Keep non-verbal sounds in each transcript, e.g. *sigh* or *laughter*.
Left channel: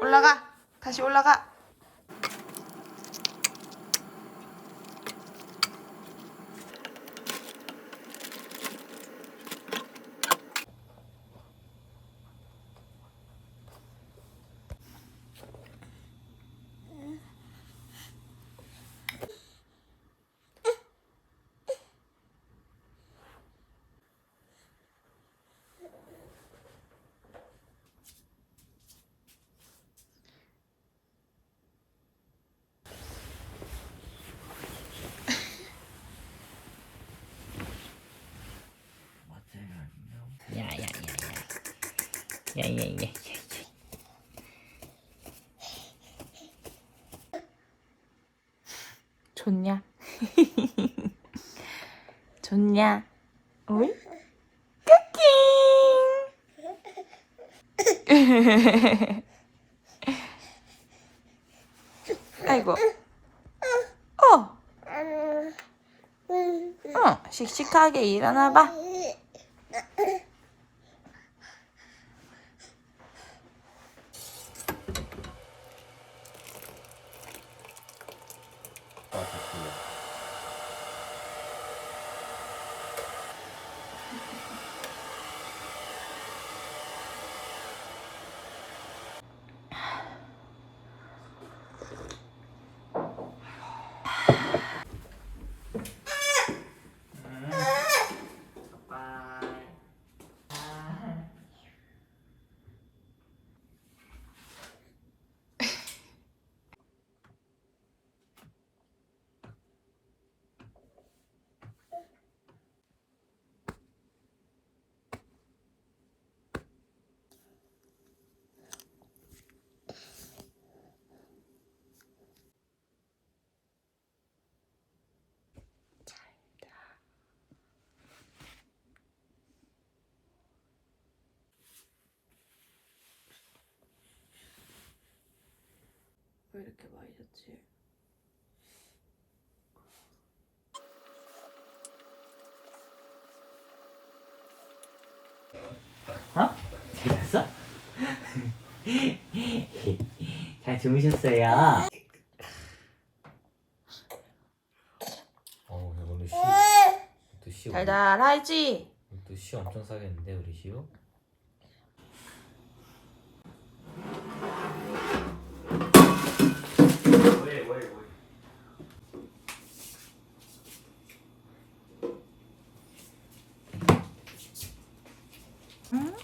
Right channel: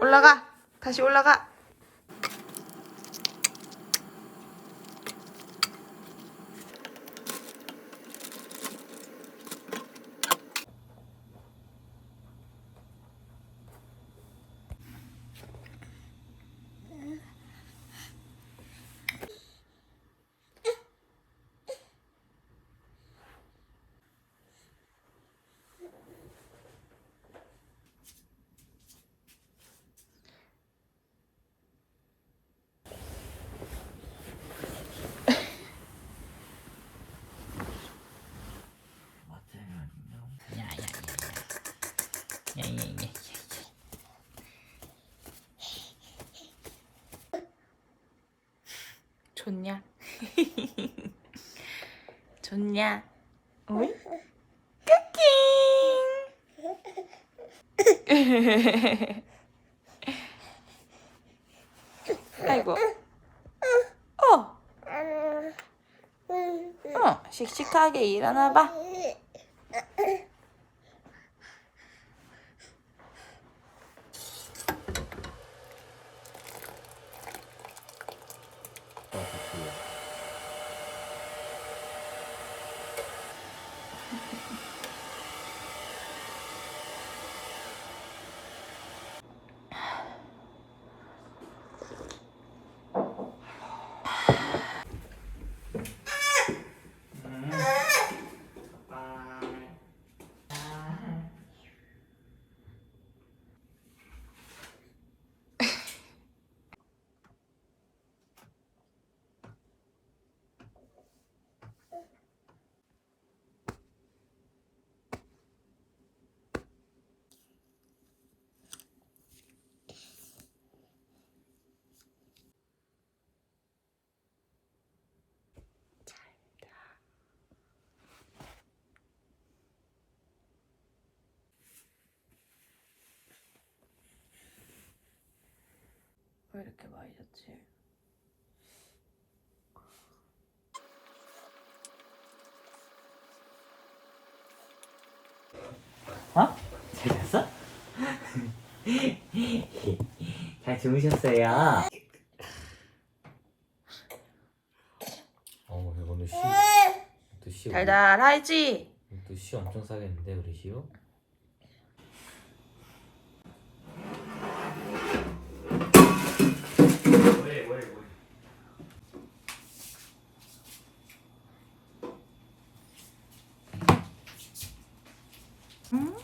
올라가. 다시 올라가. 야야야야. 야. 좋냐? *laughs* 좋냐? 오이? 쿠킹! *laughs* 아이고. 어. 어, 씩씩하게 일어나봐. 왜 이렇게 많이 잤지? 어? 잘 잤어? *laughs* 잘 주무셨어요? 어, 오늘 시, 또 시, 달달하지? 또 시 엄청 싸겠는데 우리 시우? 응?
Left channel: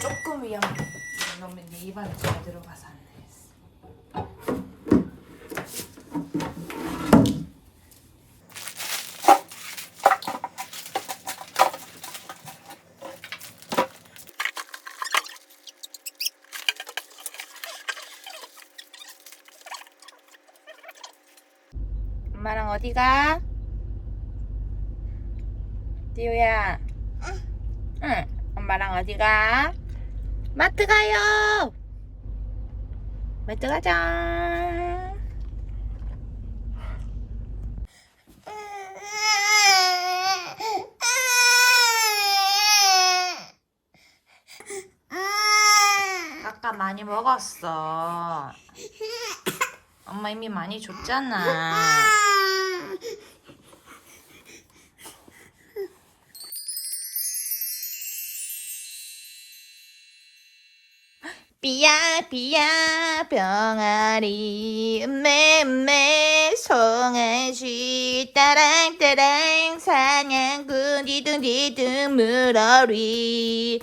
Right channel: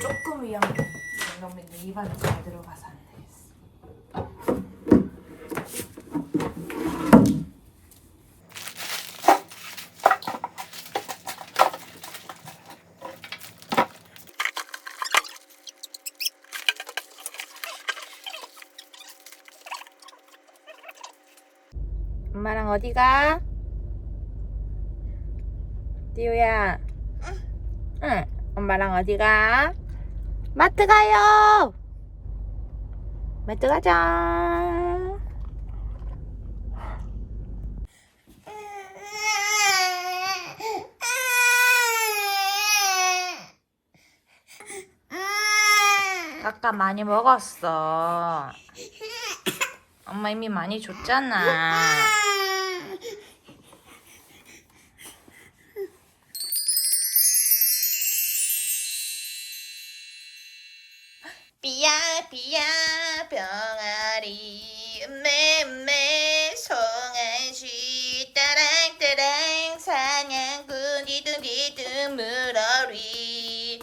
조금 위험해. 이러면 내 입안에 잘 들어가서 엄마랑 어디 가? 띠우야. 응. 엄마랑 어디 가? 마트 가요. 마트 가자. 아까 많이 먹었어. 엄마 이미 많이 줬잖아. 삐야 삐야 병아리 맴매 송아지 따랑 따랑 사냥꾼 디둥디둥 물어리.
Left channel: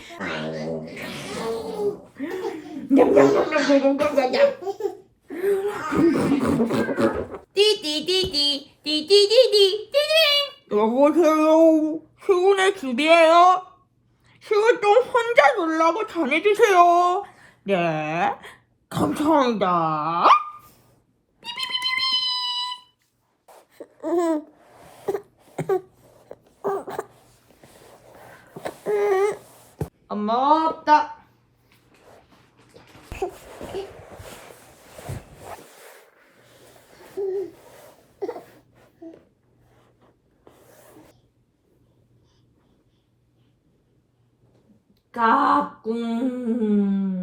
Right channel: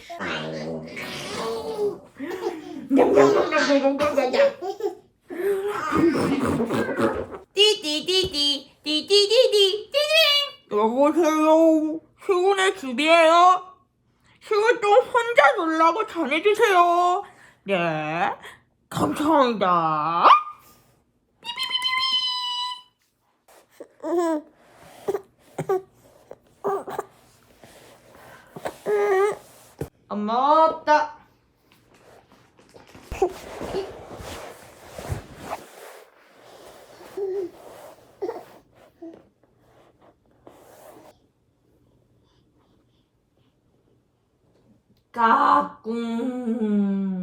띠띠띠띠 띠띠띠띠 띠딩 여보세요? 시훈의 집이에요? 시훈 좀 혼자 놀라고 전해주세요 네. 감사합니다. 엄마 없다. 까꿍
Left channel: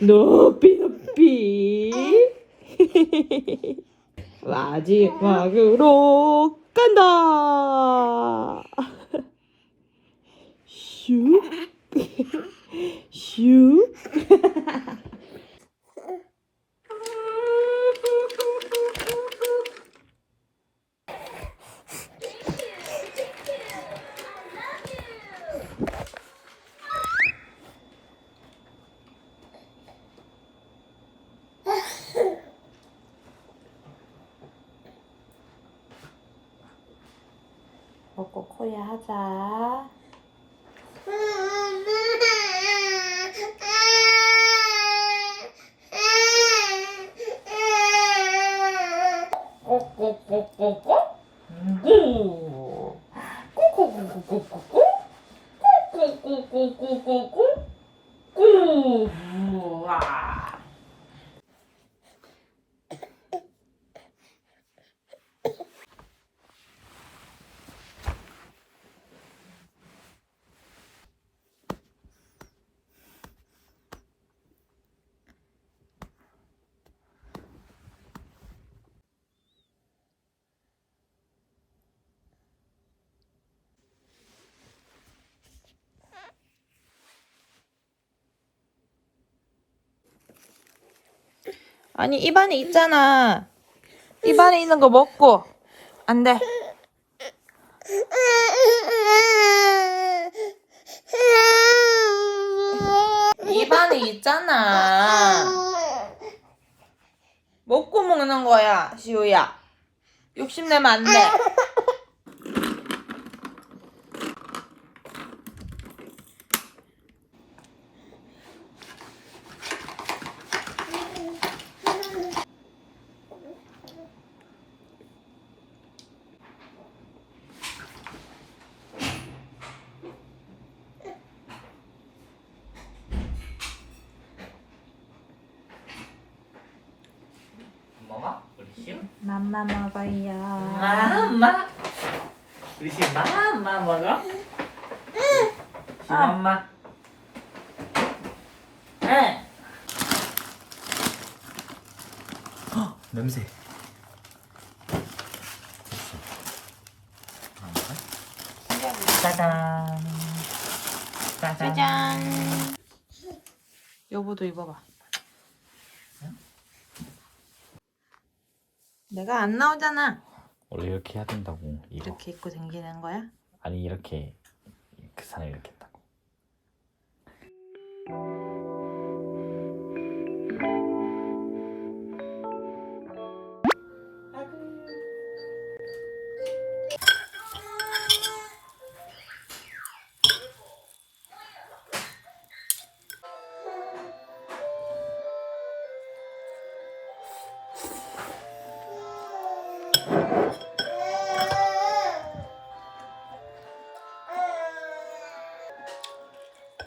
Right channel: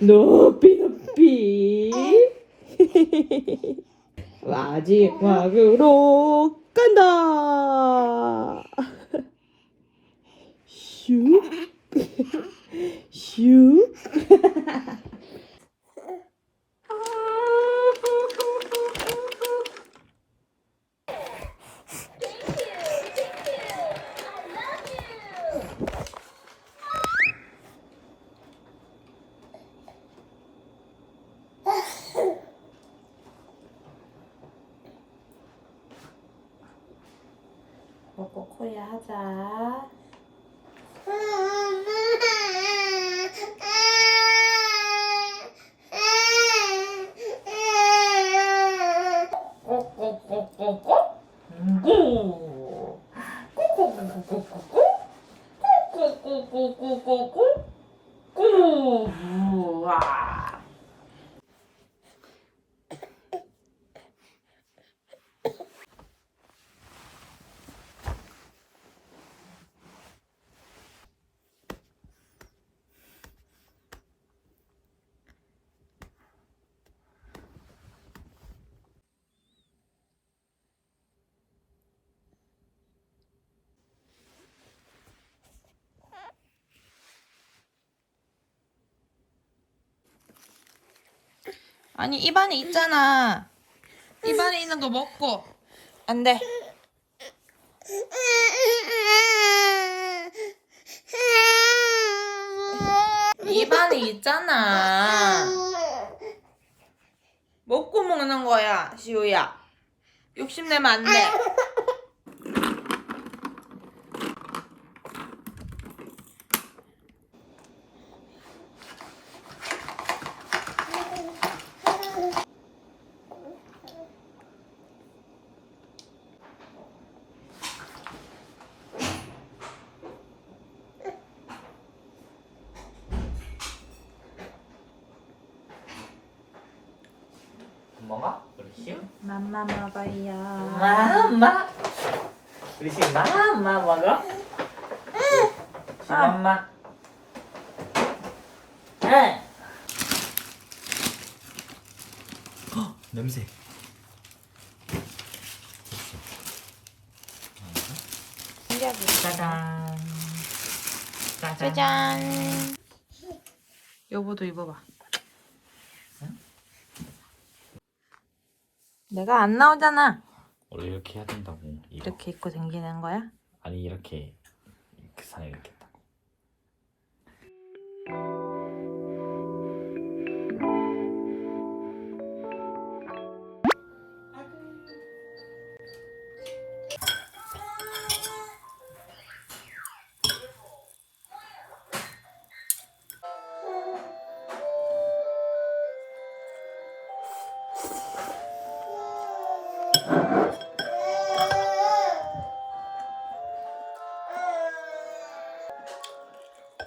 높이 높이. 마지막으로 간다. 슉. 슉. 먹고 코야 하자. 꼬꼬꼬꼬꼬 구 꼬꼬꼬꼬꼬 꼬 꼬꼬꼬꼬꼬 꼬 아니 입안에 있잖아. 입안에 있는 거 먹고 안 돼. 입안에 있잖아. 먹고 먹는 거야, 시우야. 욕심내면 안 돼. 엄마가? 우리 시우? 맘마 먹어요. 엄마 우리 시우 맘마 먹어? 아. 엄마 응 헉, 냄새 짜잔 짜잔. 여보도 입어봐. 내가 안 나오잖아. 원래 이렇게 해야 된다고 이거. 이렇게 입고 다니는 거야? 아니 이렇게 그 상에 이렇게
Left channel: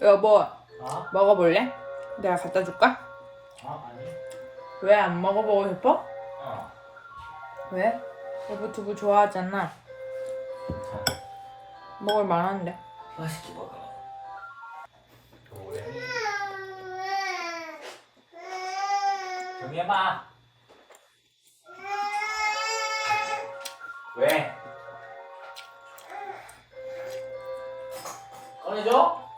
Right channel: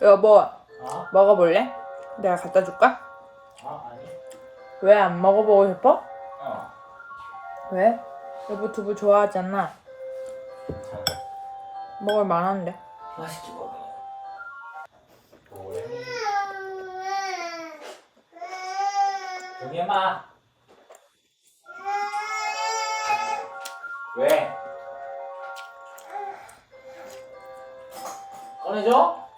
여보, 어? 먹어볼래? 내가 갖다 줄까? 왜 안 먹어보고 싶어? 어 왜? 여보 두부 좋아하잖아. 먹을 만한데. 맛있게 먹어 엄마 왜? 꺼내줘?